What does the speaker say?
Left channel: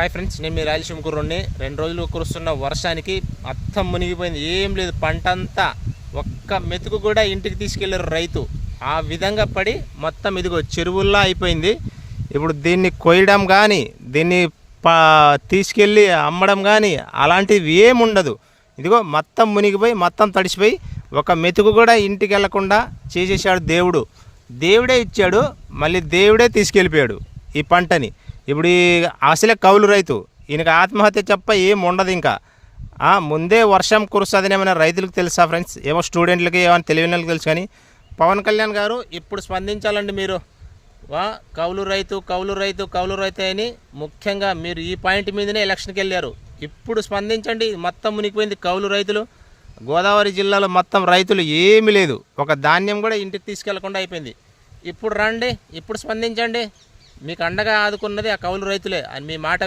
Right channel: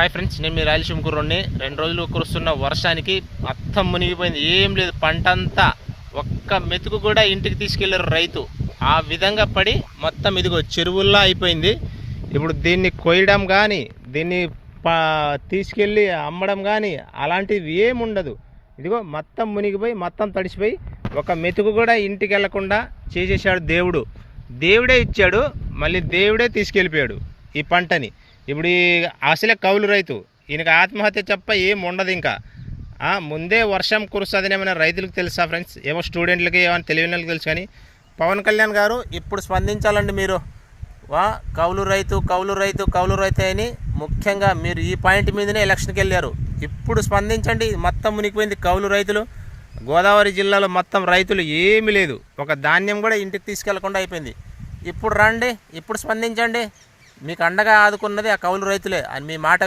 Hi friends, నేను మీ రాయలసీమ కుర్రోడ్ని. 2 రోజులు కురుస్తున్న వర్షానికి మొత్తం మునిగిపోయింది. ఏం లేదు, పంట అంతా ఒక్క మెతుకు కూడా ఇంటికి తీసుకెళ్లారు రైతు. ఆ విధంగా పడి మొత్తం ఇదిగో చెరువుల్లా అయిపోయింది. ఇప్పుడు దీన్ని కొయ్యడం కానీ, దీన్ని తీసుకెళ్ళి అమ్మడం కానీ అలాంటివి ఏముండదు. ఇదిగో మొత్తం మునిగిపోయి మొత్తం తడిసిపోయి ఒక మెతుకు కూడా ఇంటికి వెళ్లకుండా చేసేసాడు దేవుడు. దేవుడే ఇచ్చాడు, మళ్ళీ దేవుడే తీసుకెళ్ళిపోయాడు ఈ పంటని. ఇప్పుడు ఈ అసలే కౌలు రైతు, ఈయనకి ఆత్మహత్య చెప్ప ఏం ఉండదు. ఇంకా ముందే వర్షం కురుస్తుందని ఏమైనా రైతులకు తెలుసా ఫ్రెండ్స్? ఏమో స్టూడెంట్లకి ఏమైనా తెలియని వాళ్ళకి తెలుసు. కానీ పవన్ కళ్యాణ్ గారు ఇప్పుడు స్పందించాలండి. మీరు కౌలు రైతు కౌలు రైతు కౌలు రైతు అని ముఖ్యంగా మీరు ఈ పాయింట్ మీదనే ఎలక్షన్కి వెళ్ళారు. ఇప్పుడు స్పందించండి. మొత్తం మునిగిపోయింది కౌలు రైతులు. గోదావరి జిల్లాలో మొత్తం రైతులు ఏమీ లేదు, ఒక ధాన్యం కూడా ఇంటికి తీసుకెళ్లకుండా అయిపోయింది. ఇప్పుడు రండి, ఇప్పుడు స్పందించండి. మీకు అండగా ఆదుకున్నది ఆ కౌలు రైతులే అని మీ మాట